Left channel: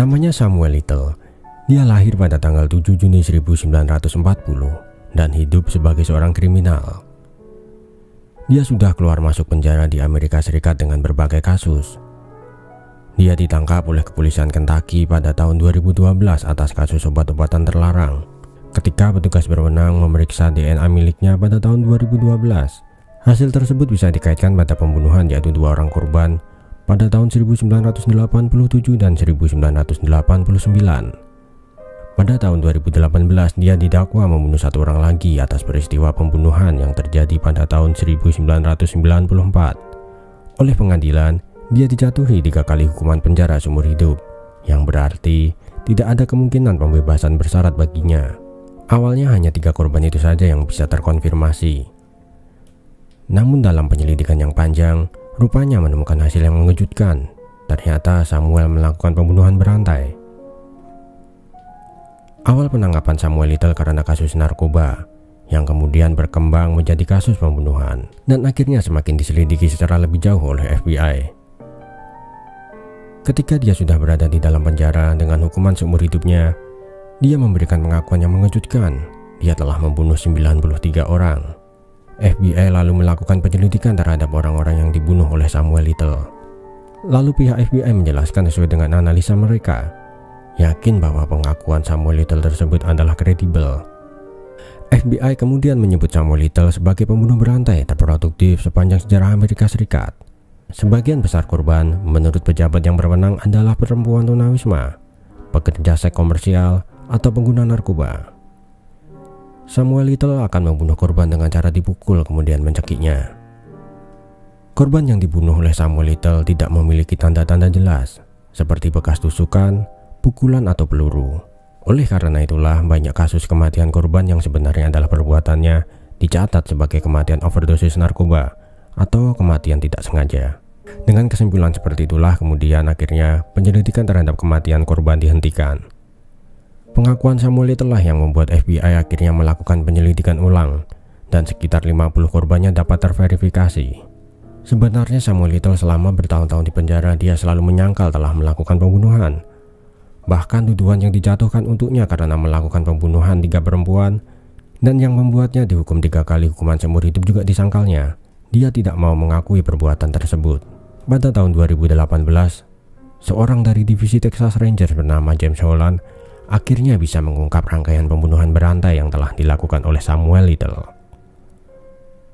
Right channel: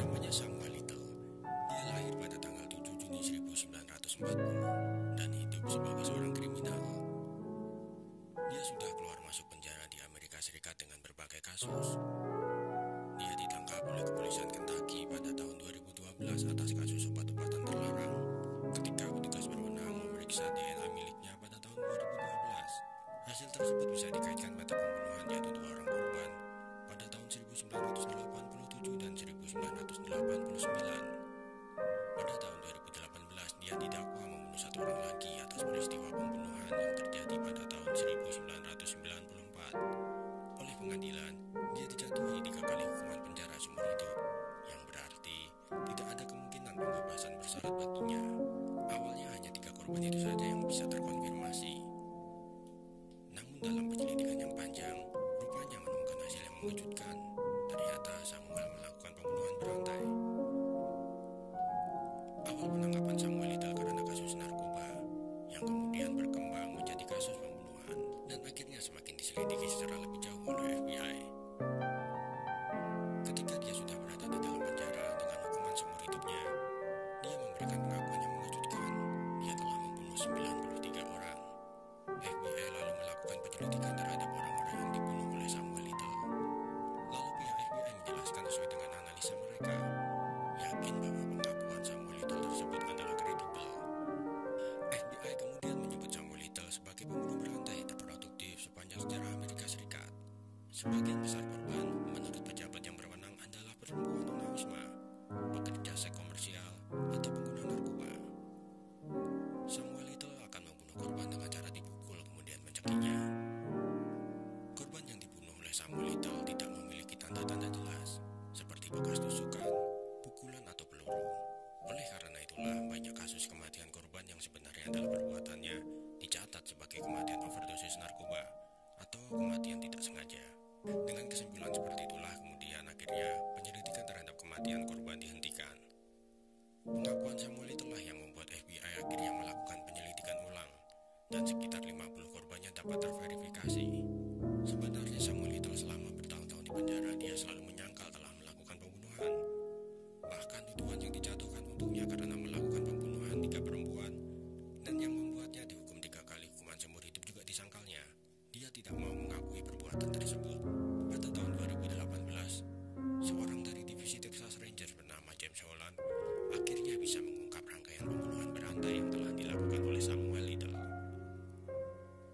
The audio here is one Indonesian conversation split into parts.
Namanya Samuel Little. Dia lahir pada tanggal 7 Juni 1940 dan hidup sebagai seorang kriminal. Dia sudah keluar masuk penjara di Amerika Serikat dengan berbagai kasus. Dia ditangkap oleh kepolisian Kentucky pada tahun 2012 atas kasus obat-obatan terlarang. Ketika petugas berwenang memeriksa DNA miliknya pada tahun 2012, hasil tersebut bisa dikaitkan pada pembunuhan yaitu 2 orang korban pada tahun 1987 dan 1989. Pada tahun 2018 dia didakwa membunuh 1 orang lagi atas peristiwa pembunuhan yang terjadi pada tahun 1994. Oleh pengadilan, dia dijatuhi 3 kali hukuman penjara seumur hidup, yang berarti tidak ada kemungkinan pembebasan bersyarat baginya. Awalnya hanya 3 korban itu saja yang bisa terkonfirmasi. Namun dalam penyelidikan yang panjang, rupanya menemukan hasil yang mengejutkan. Ternyata Samuel melakukan pembunuhan berantai. Awal penangkapan Samuel Little karena kasus narkoba, yang kemudian berkembang menjadi kasus pembunuhan, dan akhirnya semakin diselidiki secara lebih jauh oleh FBI. Ketika dia sudah berada di dalam penjara dengan hukuman seumur hidupnya, dia memberikan pengakuan yang mengejutkan. Dia telah membunuh 93 orang. FBI lalu melakukan penyelidikan terhadap orang-orang yang dibunuh oleh Samuel Little. Lalu pihak FBI menjelaskan sesuai dengan analisa mereka, yakin bahwa pengakuan Samuel Little tersebut adalah kredibel. FBI kemudian menyebut Samuel Little sebagai pembunuh berantai terproduktif sepanjang sejarah Amerika Serikat. Sebagian besar korban menurut pejabat yang berwenang adalah perempuan tunawisma, pekerja seks komersial, atau pengguna narkoba. Samuel Little akan membunuh korban dengan cara dipukul kemudian mencekiknya. Korban yang dibunuh oleh Samuel Little tidak memiliki tanda-tanda jelas, seperti bekas tusukan, pukulan, atau peluru. Oleh karena itulah banyak kasus kematian korban yang sebenarnya adalah perbuatannya dicatat sebagai kematian overdosis narkoba atau kematian tidak sengaja. Dengan kesimpulan seperti itulah kemudian akhirnya penyelidikan terhadap kematian korban dihentikan. Pengakuan Samuel Little lah yang membuat FBI akhirnya melakukan penyelidikan ulang dan sekitar 50 korbannya dapat terverifikasi. Sebenarnya Samuel Little selama bertahun-tahun di penjara dia selalu menyangkal telah melakukan pembunuhan. Bahkan tuduhan yang dijatuhkan untuknya karena melakukan pembunuhan 3 perempuan dan yang membuatnya dihukum 3 kali hukuman seumur hidup juga disangkalnya. Dia tidak mau mengakui perbuatan tersebut. Pada tahun 2018, seorang dari divisi Texas Rangers bernama James Holland akhirnya bisa mengungkap rangkaian pembunuhan berantai yang telah dilakukan oleh Samuel Little.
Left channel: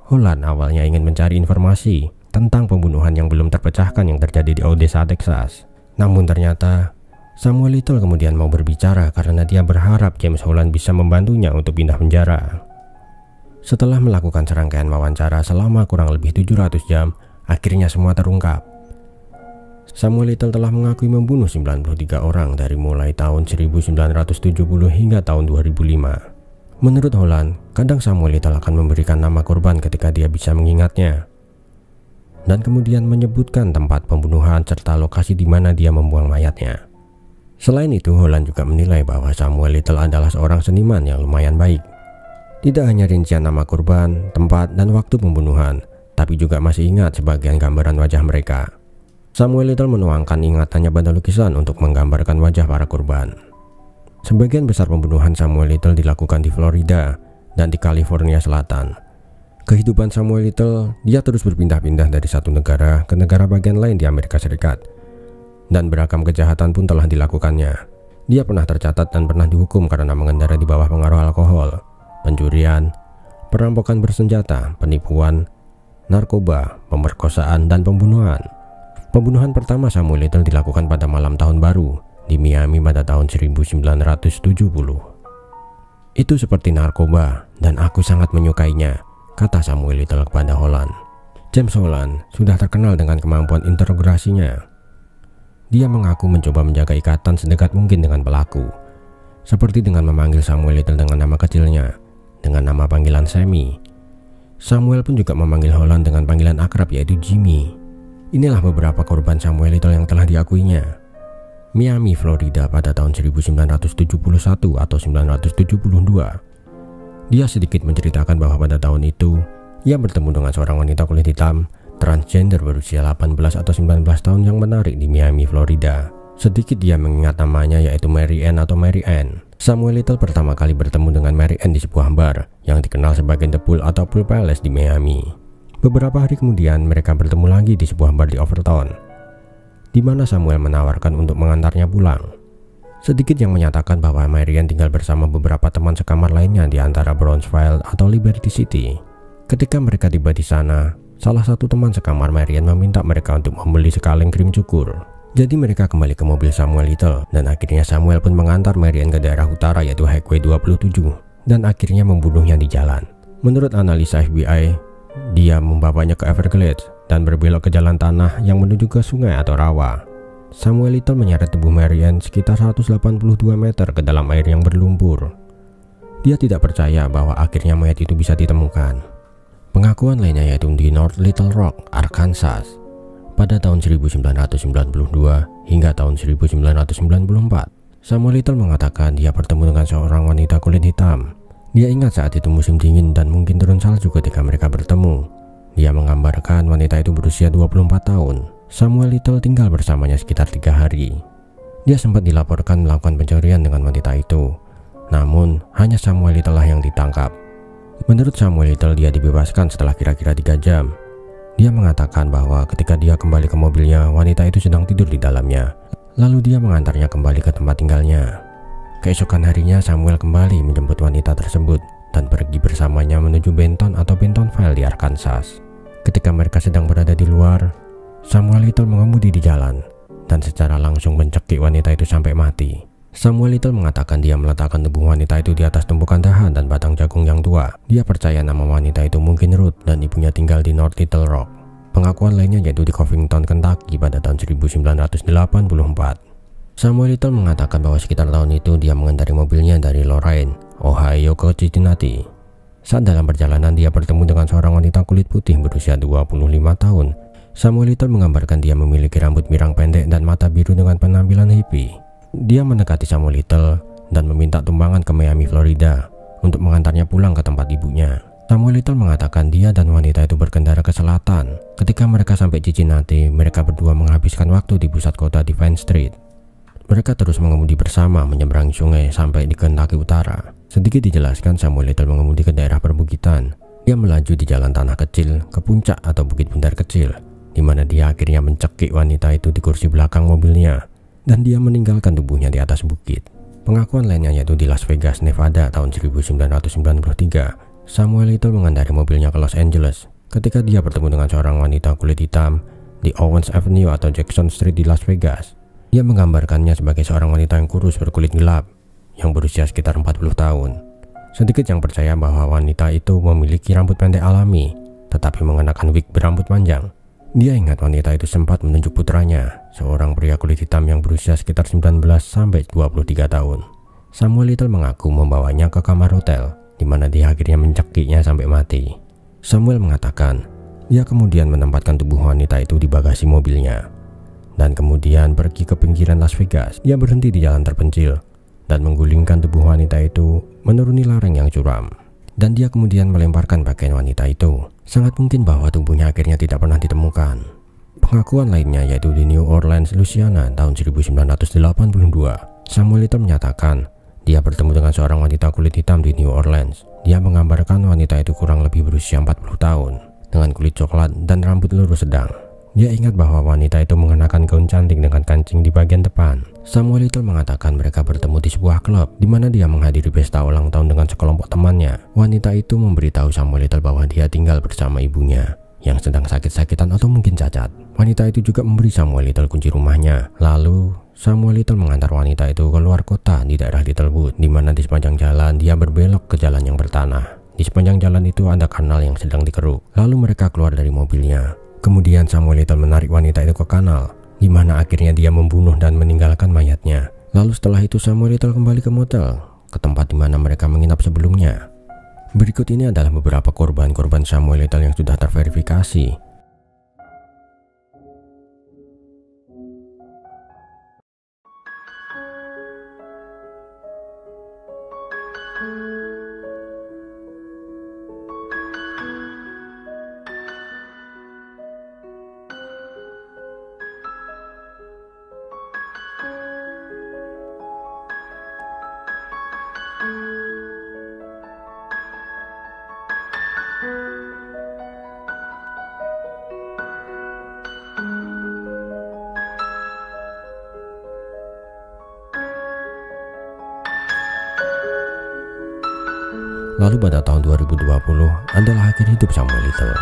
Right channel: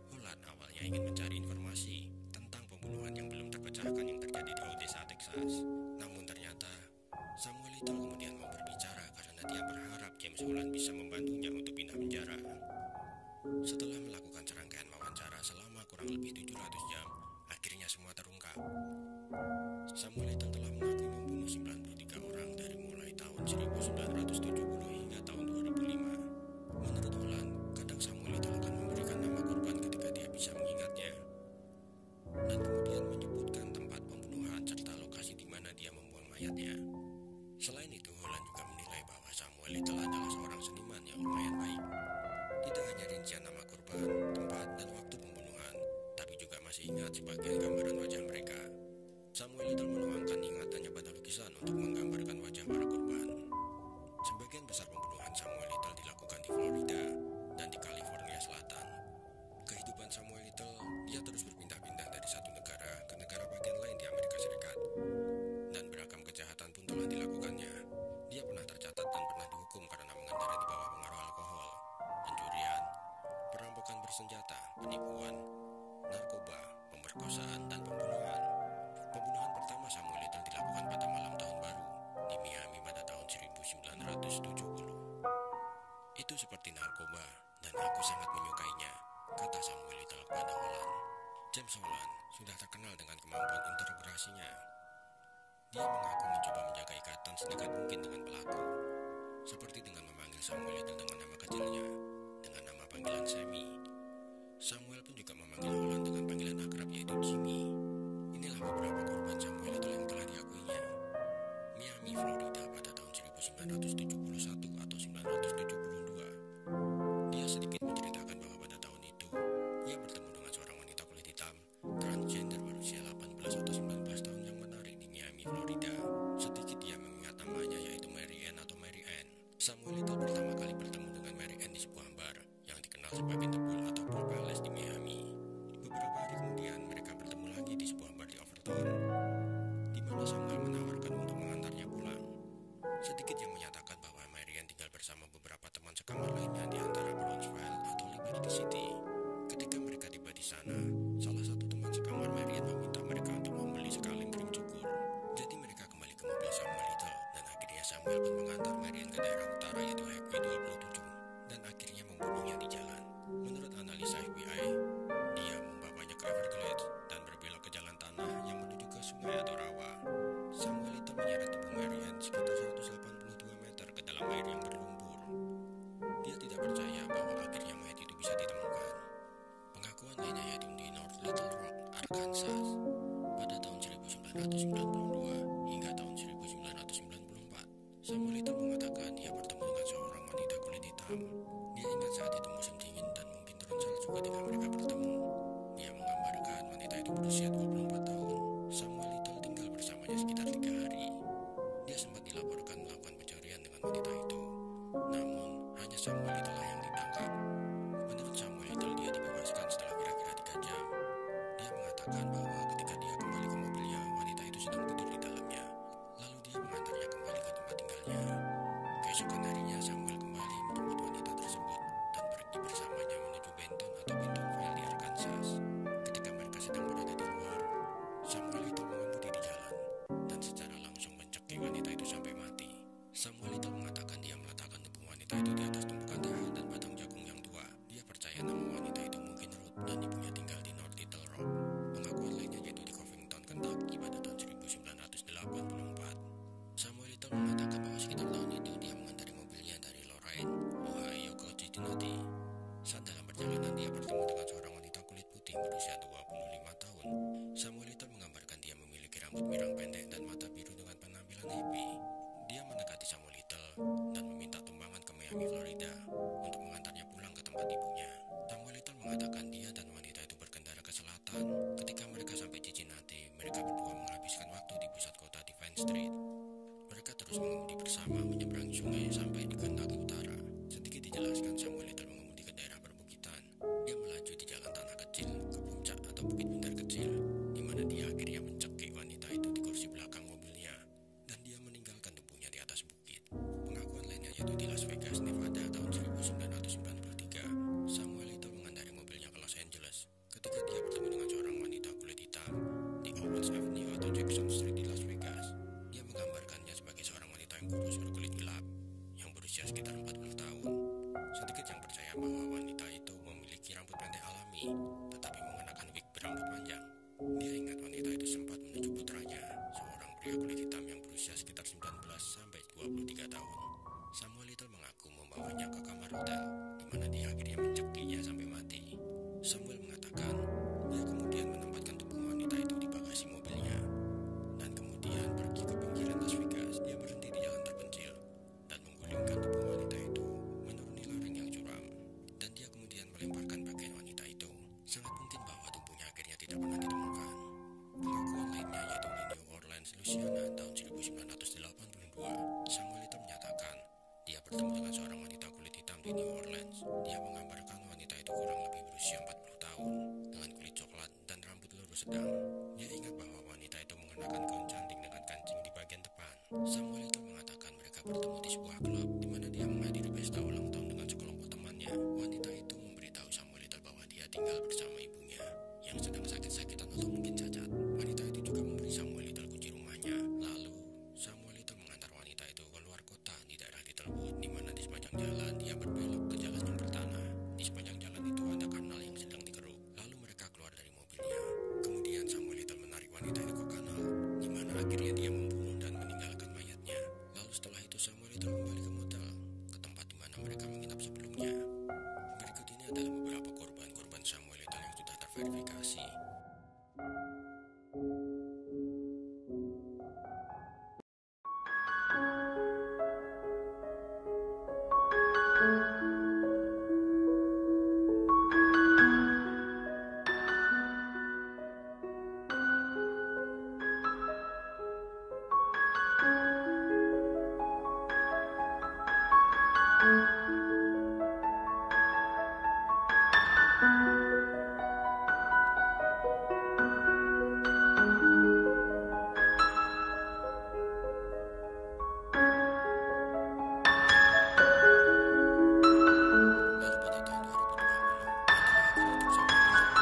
Holland awalnya ingin mencari informasi tentang pembunuhan yang belum terpecahkan yang terjadi di Odessa, Texas. Namun ternyata Samuel Little kemudian mau berbicara karena dia berharap James Holland bisa membantunya untuk pindah penjara. Setelah melakukan serangkaian wawancara selama kurang lebih 700 jam, akhirnya semua terungkap. Samuel Little telah mengakui membunuh 93 orang dari mulai tahun 1970 hingga tahun 2005. Menurut Holland, kadang Samuel Little akan memberikan nama korban ketika dia bisa mengingatnya, dan kemudian menyebutkan tempat pembunuhan serta lokasi di mana dia membuang mayatnya. Selain itu, Holland juga menilai bahwa Samuel Little adalah seorang seniman yang lumayan baik. Tidak hanya rincian nama korban, tempat, dan waktu pembunuhan, tapi juga masih ingat sebagian gambaran wajah mereka. Samuel Little menuangkan ingatannya pada lukisan untuk menggambarkan wajah para korban. Sebagian besar pembunuhan Samuel Little dilakukan di Florida dan di California Selatan. Kehidupan Samuel Little, dia terus berpindah-pindah dari satu negara ke negara bagian lain di Amerika Serikat. Dan beragam kejahatan pun telah dilakukannya. Dia pernah tercatat dan pernah dihukum karena mengendarai di bawah pengaruh alkohol, pencurian, perampokan bersenjata, penipuan, narkoba, pemerkosaan, dan pembunuhan. Pembunuhan pertama Samuel Little dilakukan pada malam tahun baru di Miami pada tahun 1970. Itu seperti narkoba dan aku sangat menyukainya, kata Samuel Little kepada Holland. James Holland sudah terkenal dengan kemampuan interogasinya. Dia mengaku mencoba menjaga ikatan sedekat mungkin dengan pelaku, seperti dengan memanggil Samuel Little dengan nama kecilnya, dengan nama panggilan Sammy. Samuel pun juga memanggil Holland dengan panggilan akrab yaitu Jimmy. Inilah beberapa korban Samuel Little yang telah diakuinya. Miami, Florida pada tahun 1971 atau 1972. Dia sedikit menceritakan bahwa pada tahun itu, ia bertemu dengan seorang wanita kulit hitam, transgender berusia 18 atau 19 tahun yang menarik di Miami, Florida. Sedikit dia mengingat namanya, yaitu Mary Ann atau Mary Ann. Samuel Little pertama kali bertemu dengan Mary Ann di sebuah bar yang dikenal sebagai The Pool atau Pool Palace di Miami. Beberapa hari kemudian mereka bertemu lagi di sebuah bar di Overton, di mana Samuel menawarkan untuk mengantarnya pulang. Sedikit yang menyatakan bahwa Mary Ann tinggal bersama beberapa teman sekamar lainnya di antara Brownsville atau Liberty City. Ketika mereka tiba di sana, salah satu teman sekamar Mary Ann meminta mereka untuk membeli sekaleng krim cukur. Jadi mereka kembali ke mobil Samuel Little, dan akhirnya Samuel pun mengantar Mary Ann ke daerah utara yaitu Highway 27 dan akhirnya membunuhnya di jalan. Menurut analisa FBI, dia membawanya ke Everglades dan berbelok ke jalan tanah yang menuju ke sungai atau rawa. Samuel Little menyeret tubuh Mary Ann sekitar 182 meter ke dalam air yang berlumpur. Dia tidak percaya bahwa akhirnya mayat itu bisa ditemukan. Pengakuan lainnya yaitu di North Little Rock, Arkansas. Pada tahun 1992 hingga tahun 1994, Samuel Little mengatakan dia bertemu dengan seorang wanita kulit hitam. Dia ingat saat itu musim dingin dan mungkin turun salju ketika mereka bertemu. Dia menggambarkan wanita itu berusia 24 tahun. Samuel Little tinggal bersamanya sekitar 3 hari. Dia sempat dilaporkan melakukan pencurian dengan wanita itu. Namun, hanya Samuel Little lah yang ditangkap. Menurut Samuel Little, dia dibebaskan setelah kira-kira 3 jam. Dia mengatakan bahwa ketika dia kembali ke mobilnya, wanita itu sedang tidur di dalamnya. Lalu dia mengantarnya kembali ke tempat tinggalnya. Keesokan harinya Samuel kembali menjemput wanita tersebut dan pergi bersamanya menuju Benton atau Bentonville di Arkansas. Ketika mereka sedang berada di luar, Samuel Little mengemudi di jalan dan secara langsung mencekik wanita itu sampai mati. Samuel Little mengatakan dia meletakkan tubuh wanita itu di atas tumpukan dahan dan batang jagung yang tua. Dia percaya nama wanita itu mungkin Ruth dan ibunya tinggal di North Little Rock. Pengakuan lainnya yaitu di Covington, Kentucky pada tahun 1984. Samuel Little mengatakan bahwa sekitar tahun itu dia mengendarai mobilnya dari Lorain, Ohio ke Cincinnati. Saat dalam perjalanan dia bertemu dengan seorang wanita kulit putih berusia 25 tahun. Samuel Little menggambarkan dia memiliki rambut pirang pendek dan mata biru dengan penampilan hippie. Dia mendekati Samuel Little dan meminta tumpangan ke Miami, Florida untuk mengantarnya pulang ke tempat ibunya. Samuel Little mengatakan dia dan wanita itu berkendara ke selatan. Ketika mereka sampai Cincinnati, mereka berdua menghabiskan waktu di pusat kota di Vine Street. Mereka terus mengemudi bersama menyeberangi sungai sampai di Kentucky Utara. Sedikit dijelaskan, Samuel Little mengemudi ke daerah perbukitan. Dia melaju di jalan tanah kecil ke puncak atau bukit bundar kecil, di mana dia akhirnya mencekik wanita itu di kursi belakang mobilnya. Dan dia meninggalkan tubuhnya di atas bukit. Pengakuan lainnya yaitu di Las Vegas, Nevada tahun 1993. Samuel Little mengendarai mobilnya ke Los Angeles ketika dia bertemu dengan seorang wanita kulit hitam di Owens Avenue atau Jackson Street di Las Vegas. Dia menggambarkannya sebagai seorang wanita yang kurus berkulit gelap yang berusia sekitar 40 tahun. Sedikit yang percaya bahwa wanita itu memiliki rambut pendek alami tetapi mengenakan wig berambut panjang. Dia ingat wanita itu sempat menunjuk putranya, seorang pria kulit hitam yang berusia sekitar 19 sampai 23 tahun. Samuel Little mengaku membawanya ke kamar hotel, di mana dia akhirnya mencekiknya sampai mati. Samuel mengatakan, dia kemudian menempatkan tubuh wanita itu di bagasi mobilnya, dan kemudian pergi ke pinggiran Las Vegas. Dia berhenti di jalan terpencil, dan menggulingkan tubuh wanita itu menuruni lereng yang curam. Dan dia kemudian melemparkan pakaian wanita itu. Sangat mungkin bahwa tubuhnya akhirnya tidak pernah ditemukan. Pengakuan lainnya yaitu di New Orleans, Louisiana tahun 1982. Samuel Little menyatakan dia bertemu dengan seorang wanita kulit hitam di New Orleans. Dia menggambarkan wanita itu kurang lebih berusia 40 tahun dengan kulit coklat dan rambut lurus sedang. Dia ingat bahwa wanita itu mengenakan gaun cantik dengan kancing di bagian depan. Samuel Little mengatakan mereka bertemu di sebuah klub di mana dia menghadiri pesta ulang tahun dengan sekelompok temannya. Wanita itu memberitahu Samuel Little bahwa dia tinggal bersama ibunya yang sedang sakit-sakitan atau mungkin cacat. Wanita itu juga memberi Samuel Little kunci rumahnya. Lalu Samuel Little mengantar wanita itu ke luar kota di daerah Littlewood, di mana di sepanjang jalan dia berbelok ke jalan yang bertanah. Di sepanjang jalan itu ada kanal yang sedang dikeruk. Lalu mereka keluar dari mobilnya. Kemudian Samuel Little menarik wanita itu ke kanal, di mana akhirnya dia membunuh dan meninggalkan mayatnya. Lalu setelah itu Samuel Little kembali ke motel, ke tempat di mana mereka menginap sebelumnya. Berikut ini adalah beberapa korban-korban Samuel Little yang sudah terverifikasi. Lalu pada tahun 2020 adalah akhir hidup Samuel Little.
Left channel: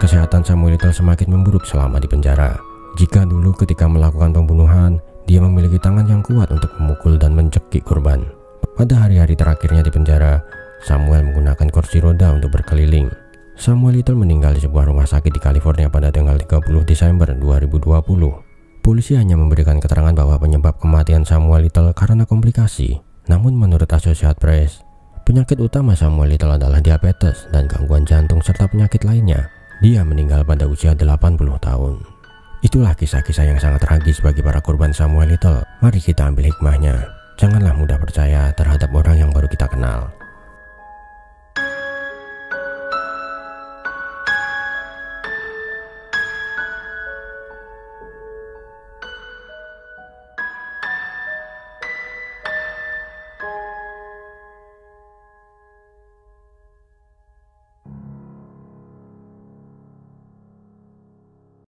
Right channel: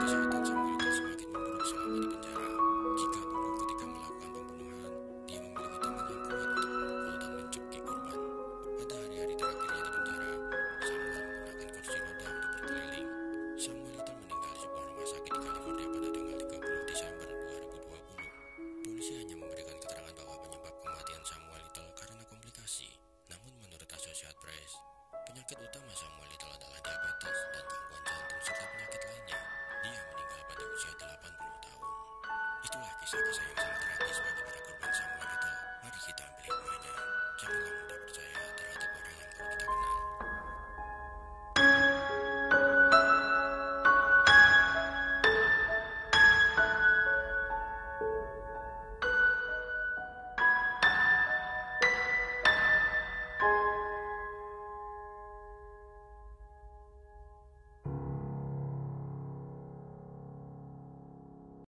Kesehatan Samuel Little semakin memburuk selama di penjara. Jika dulu ketika melakukan pembunuhan, dia memiliki tangan yang kuat untuk memukul dan mencekik korban. Pada hari-hari terakhirnya di penjara, Samuel menggunakan kursi roda untuk berkeliling. Samuel Little meninggal di sebuah rumah sakit di California pada tanggal 30 Desember 2020. Polisi hanya memberikan keterangan bahwa penyebab kematian Samuel Little karena komplikasi. Namun menurut Associated Press, penyakit utama Samuel Little adalah diabetes dan gangguan jantung serta penyakit lainnya. Dia meninggal pada usia 80 tahun. Itulah kisah-kisah yang sangat tragis bagi para korban Samuel Little. Mari kita ambil hikmahnya. Janganlah mudah percaya terhadap orang yang baru kita kenal.